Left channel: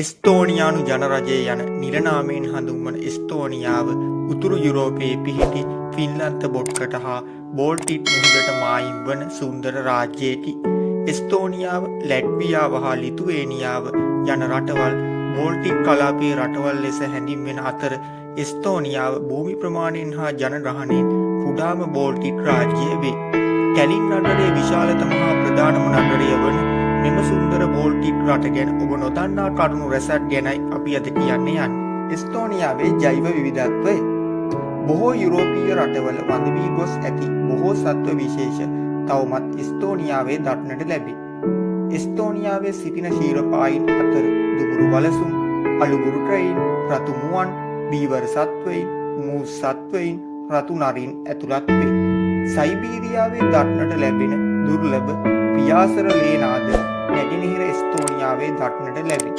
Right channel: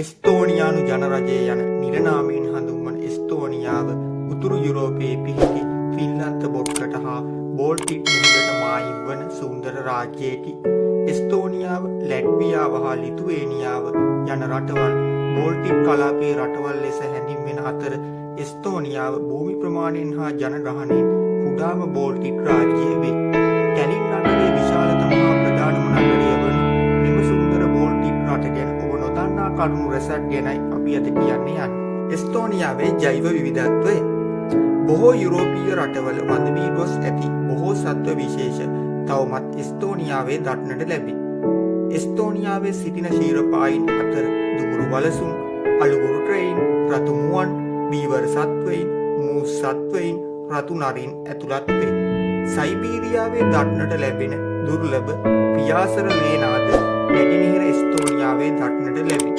එස්තෝනියානු ජනරජය යන නිරනාමයෙන් හඳුන්වන එස්තෝනියාව උතුරු යුරෝපයේ පිහිටි ෆින්ලන්ත බොට්කට හා බෝල්ටික් මුහුදට මායිම් වන සුන්දර රාජ්‍යයකි. එස්තෝනියාව, ලැට්වියාව හා ලිතුවේනියාව යන රටවල් බෝල්ටික් කලාපයේ රටවල් ලෙස හැඳින්වෙන අතර එස්තෝනියාව භූමි ප්‍රමාණයෙන් හා ජනගහනයෙන් කුඩාම බෝල්ටික් රාජ්‍යය වේ. කැලින් නගරයේ විශාලතම හා ප්‍රධානම නගරය වන මෙම සුන්දර බෝල්ටික් රට ගැන ඔබ නොදන්නා කරුණු රැසක් ගැනයි අපි අද කියන්න යන්නේ. එස්තෝනියාවේ ජෛව විවිධත්වය. බොහෝ යුරෝපීය රටවල වඳ වී ගොස් ඇති බොහෝ සත්ව විශේෂ තවමත් එස්තෝනියාවේ දක්නට ලැබේ. එස්තෝනියාවේ සිටින ශීරපායින් අතර දුඹුරු වලසුන්, අලුබුරු ට්‍රෙයින්, රතු මුවන්, බීවර සත්වයින්, මූස් සත්වයින්, රතු නරින් ඇතුළත් වේ. සයිබීරියාවේ දක්නට ලැබෙන දුර්ලභ පියාසර ලේනාද නැගෙනහිර එස්තෝනියාවේ දක්නට ලැබේ.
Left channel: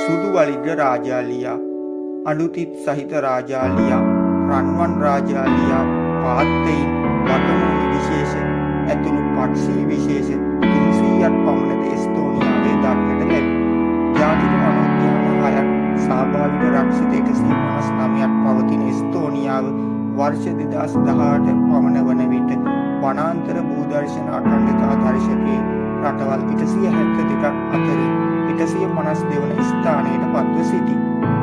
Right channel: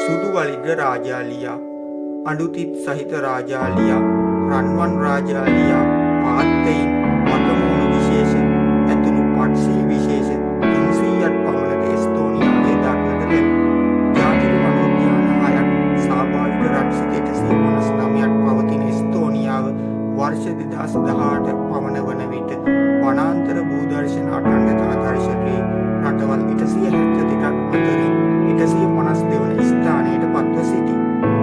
සුදු වලිග රාජාලියා, අඬුතිත් සහිත රාජාලියා, රන්වන් රාජාලියා, පාත්තයින්, වටමූණු විශේෂ ඇතුළු පක්ෂී විශේෂ 300ක් පමණද එස්තෝනියාවේ දක්නට ලැබේ. ජාතික වනෝද්‍යාන 6ක් ස්වාභාවික රක්ෂිත 159ක් පවතින එස්තෝනියාව වර්ෂ 2018 පමණ වන විට වනාන්තර භූදර්ශන අඛණ්ඩතා දර්ශකයේ රටවල් 172ක් අතරින් 152 වන ස්ථානයට පත්ව සිටී.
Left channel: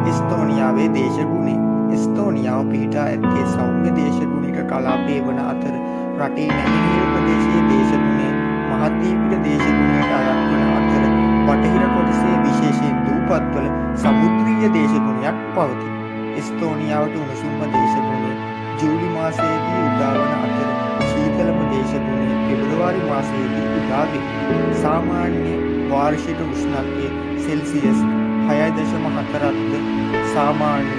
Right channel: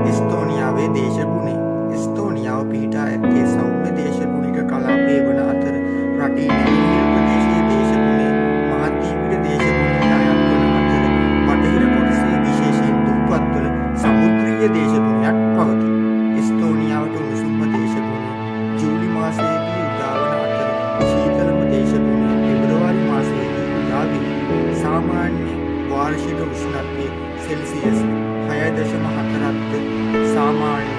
එස්තෝනියාවේ දේශගුණය. එස්තෝනියාව පිහිටා ඇත්තේ සෞම්‍ය දේශගුණික කලාපයේ වන අතර රටේ නැගෙනහිර ප්‍රදේශයේ දේශගුණය මහද්වීපික දේශගුණයට අයත් වන අතර බටහිර කොටසේ විශේෂයෙන් දූපත්වල සමුද්‍රීය දේශගුණයක් පවතී. එස්තෝනියාවට උණුසුම්ම දේශගුණය ජූලි මාසයේදී උදාවන අතර ශීතලම දේශගුණය පෙබරවාරි මාසයේදී උදා වේ. සාමාන්‍ය වාර්ෂික උෂ්ණත්වය සෙල්සියස් 6.4ක්ද සාමාන්‍ය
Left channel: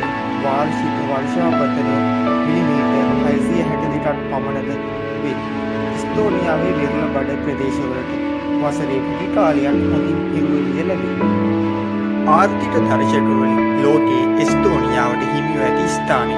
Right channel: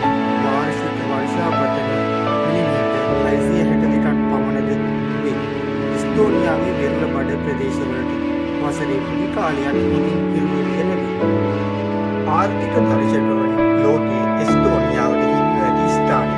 වාර්ෂික වර්ෂාපතනය මිලිමීටර් 662ක් පමණද වේ. එස්තෝනියාවේ වෙරළ බඩ ප්‍රදේශවලට වසරේ කුඩි කාලයක් හොඳින් ඉරුවෙලිය ලැබේ. ආර්ථික දර්ශකවලින් ලෝකයේ එස්තෝනියාවට හිමිව ඇති ස්ථානය.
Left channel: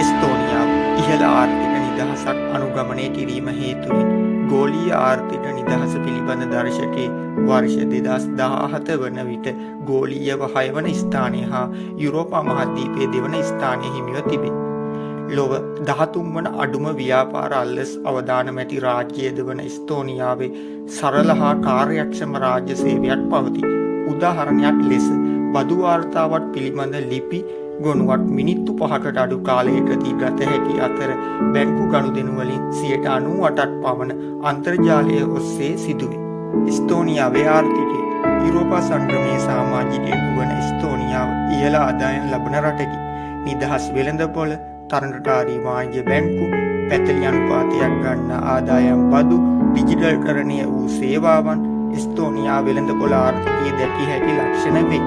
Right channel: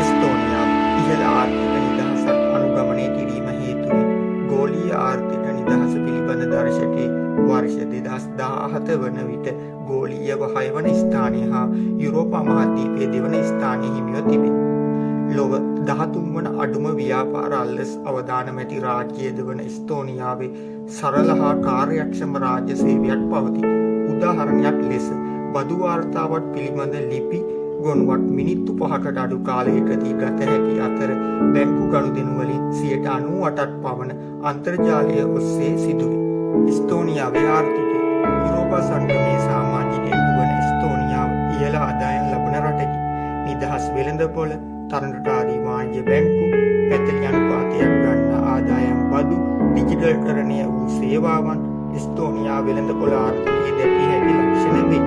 එස්තෝනියාව ඉහළ ආර්ථික නිදහසක් අනුගමනය කිරීම හේතුවෙන් ගෝලීය ආර්ථික නිදහස පිළිබඳ දර්ශකයේ වර්ෂ 2017 වන විට ගෝලීයව 6 වන ස්ථානය හා යුරෝපා මහද්වීපයේ 2 වන ස්ථානය හිමිව තිබේ. ලොව 13 වන අඩුම ව්‍යාපාර අල්ලස් අවදානම ඇති රාජ්‍යයද වන එස්තෝනියාවේ සරල හා කාර්යක්ෂම රාජ්‍ය සේවයක් පවතී. උදාහරණයක් ලෙස බදු වාර්තාවක් පිළිබඳ ලිපි ගොනුවක් මිනිත්තු 5කට අඩු කාලයකදී ගත හැකි අතර බැංකු ගනුදෙනු වලින් 98%ක් පමණ අන්තර්ජාලය ඔස්සේ සිදුවේ. එස්තෝනියාවේ ආර්ථිකය. යුරෝපා සංගමයේ සමාජිකයෙකු වන එස්තෝනියාව ඉහළ ආදායම් ලබන රටකි. නිදහස් වෙළඳපොළ, තරඟකාරී වාණිජ බැංකු, පැතලි අනුපාතයක් ගන්න ආදායම් බදු, ඩිජිටල්කරණය වූ සේවාවන් එස්තෝනියා වෙළඳපොළ ආර්ථිකයේ දැකිය හැකි ලක්ෂණ වේ.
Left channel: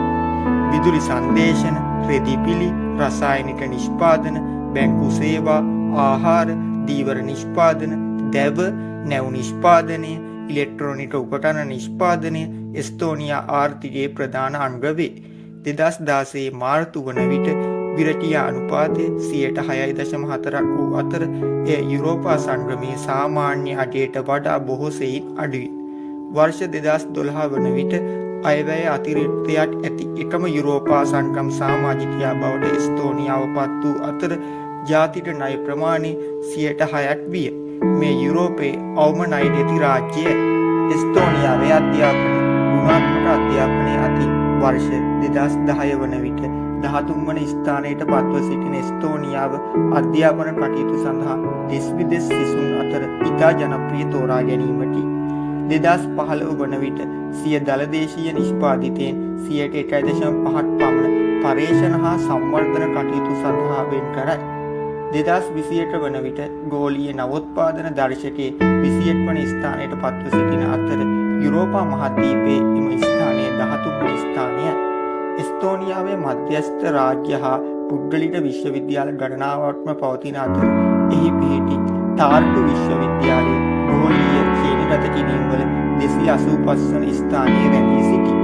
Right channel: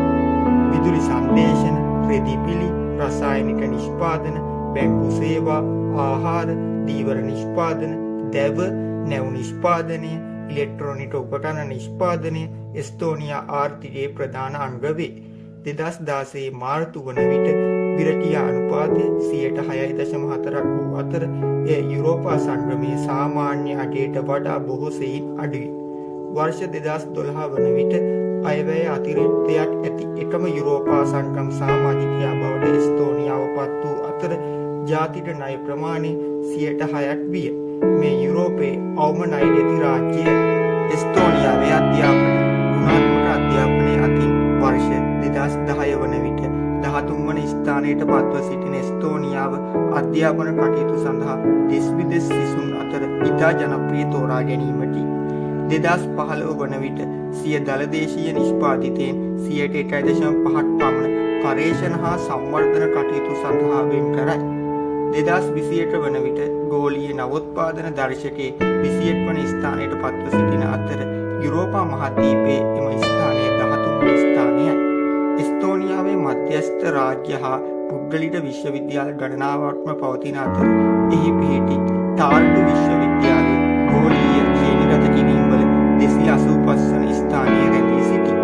විදුලි සංදේශන, රෙදිපිලි, රසායනික නිෂ්පාදන, බැංකු සේවා, ආහාර, දීවර නිෂ්පාදන, දැව, නැව් නිෂ්පාදනය, ඉලෙක්ට්‍රොනික උපකරණ නිෂ්පාදනය එස්තෝනියා ආර්ථිකයේ ප්‍රධාන අංග වේ. 2016 මාර්තු වන විට විරටිය අනුපාතය 6.4ක් වූ අතර එය යුරෝපා සංගමයේ සාමාන්‍ය අගයට වඩා බොහෝ සෙයින් අඩුයි. වර්ෂ 2012 වන විට අයවැය අතිරික්තයක් ඇති එකම යුරෝපා සංගම් සමාජිකයා බවට එස්තෝනියාව පත් වූ අතර ජාතික ණය ප්‍රමාණය 6%ක් විය. මේ යුරෝපයේ අවම ණයට ඇති රාජ්‍යය. එස්තෝනියාවේ අධ්‍යාපනය. ගුණාත්මක අධ්‍යාපනය අතින් වර්ෂ 2010 වන විට 13 වන ස්ථානයට පත්ව සිටින එස්තෝනියාව අධ්‍යාපන කටයුතු සඳහා දෙස් විදෙස් සිසුන් අතර ඉතා ජනප්‍රිය තෝරා ගැනීමකි. 2015 වන විට සිය දළදේශීය නිෂ්පාදිතයෙන් 1.5% පමණ පර්යේෂණ හා සංවර්ධන කටයුතු සඳහා වෙන් කරයි. 2021 වන විට ගෝලීය නවෝත්පාදන දර්ශකයේ 21 වන ස්ථානයට පත්ව සිටින අතර යුරෝපා මහද්වීපයේ එම ස්ථානය 13 වන ස්ථානයයි. එස්තෝනියාවේ මධ්‍යස්ථ රාජ්‍ය හා පුද්ගලික විශ්වවිද්‍යාල ගණනාවක්ම පවතින අතර එහි පිහිටි ටාර්ටු විශ්වවිද්‍යාලයේ ගෝලීය ශ්‍රේණිගත කිරීම්වල 285 වන ස්ථානයේ රැඳී සිටී.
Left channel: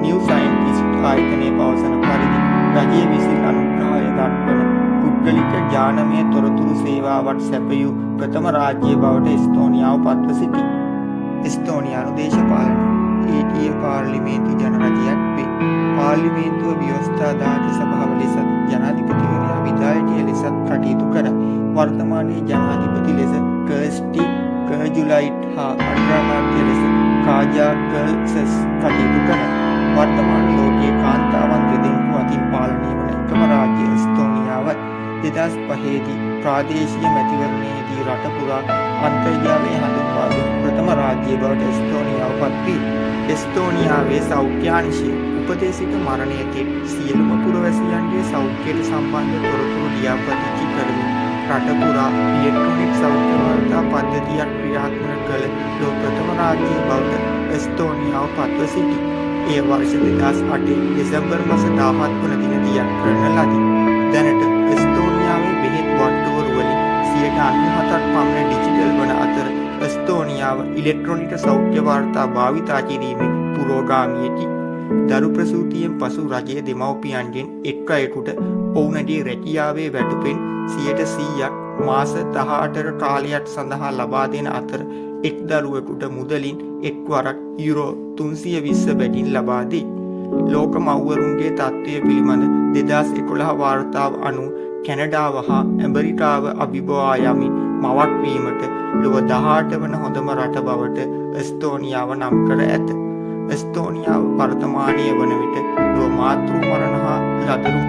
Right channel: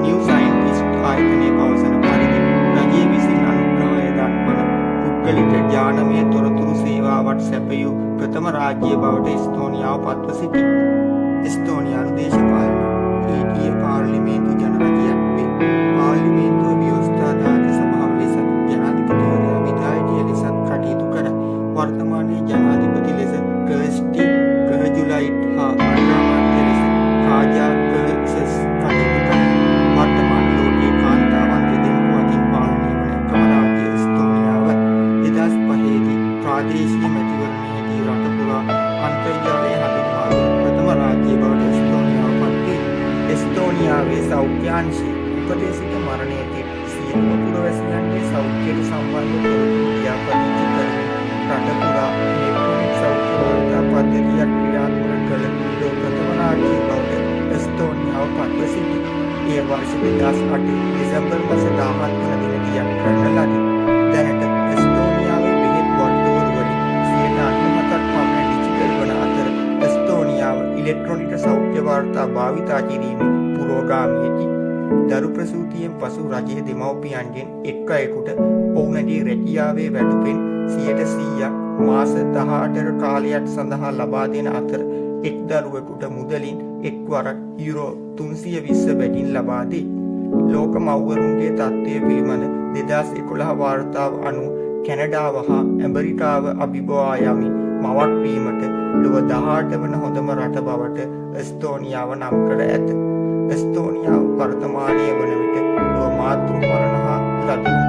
නිව් සයින්ටිස්ට් ආයතනයේ පවසන පරිදි රජය විසින් අනුග්‍රහය දක්වන පුද්ගලික ඥානමය තොරතුරු සේවාවට සැපයූ ප්‍රථම රාජ්‍ය බවට එස්තෝනියාව පත්ව සිටී. එස්තෝනියානු දේශපාලනය ඊටීය පාර්ලිමේන්තු ජනරජයක් වේ. පාර්ලිමේන්තුව ව්‍යවස්ථාදායක සභාව ලෙසත් ජනාධිපතිවරයා විධායකය ලෙසත් කටයුතු කරයි. වර්තමානයේ ජනාධිපති ලෙස කර්ස්ටි කර්ජුලයිට් හා අග්‍රාමාත්‍ය ලෙස කාජා කර්සස් කටයුතු කරයි. වර්තමාන ලෝකයේ කාන්තාවන් දෙදෙනෙකු අතින් පාලනය වන එකම රාජ්‍ය එස්තෝනියාවයි. 2005දී ප්‍රාදේශීය මැතිවරණයේදී රට පුරා අන්තර්ජාලය හඳුන්වා දුන් ප්‍රථම රාජ්‍ය බවට එස්තෝනියාව පත් වී එස්තෝනියාවේ සෞඛ්‍යාංශය උපතේ සිට මරණයේදී සියලුම පුරවැසියන්ගේ සෞඛ්‍යයට සම්බන්ධ තොරතුරු ලියාපදිංචි කරමින් රට පුරා ඉලෙක්ට්‍රොනික සෞඛ්‍ය වාර්තා පද්ධතියක් ක්‍රියාත්මක කළ ලෝක ප්‍රථම රාජ්‍ය බවට එස්තෝනියාව පත්ව සිටී. ඒ වර්ෂ 2008 දෙසැම්බර් මාස 17 වන දින දියත් කරන ලදී. දැනට එස්තෝනියාවේ බෙහෙත් වට්ටෝරු වලින් 97ක් පමණ ඩිජිටල් වන අතර එස්තෝනියාව ඉලෙක්ට්‍රොනික සෞඛ්‍ය වාර්තා භාවිතා කිරීමේ පුරෝගාමීයකි. දරු ප්‍රසූතියෙන් පසු රජයේ දෙමව්පියන්ගෙන් එක් අයෙකුට ඔවුන්ගේ රැකියාවේ වැටුපෙන් 100% මාස 18ක කාලයක් සඳහා ලබා දෙන අතර එක් දරුවෙකුට මුදලින් එක්වරක් යුරෝ 320 බැගින් ලබා දී. ලෝක මව්වරුන්ගේ තත්ත්වය පිළිබඳ 2011 වාර්තාව අනුව කැනඩාව හා ඇමරිකාව අභිබවා යමින් මවක් වීමට ලොව 18 වන හොඳම රට බවට එස්තෝනියාව නම් කර ඇත. එස්තෝනියාව වර්තමානයේ වන විට ලොව මාතෘ මරණ හා ලදරු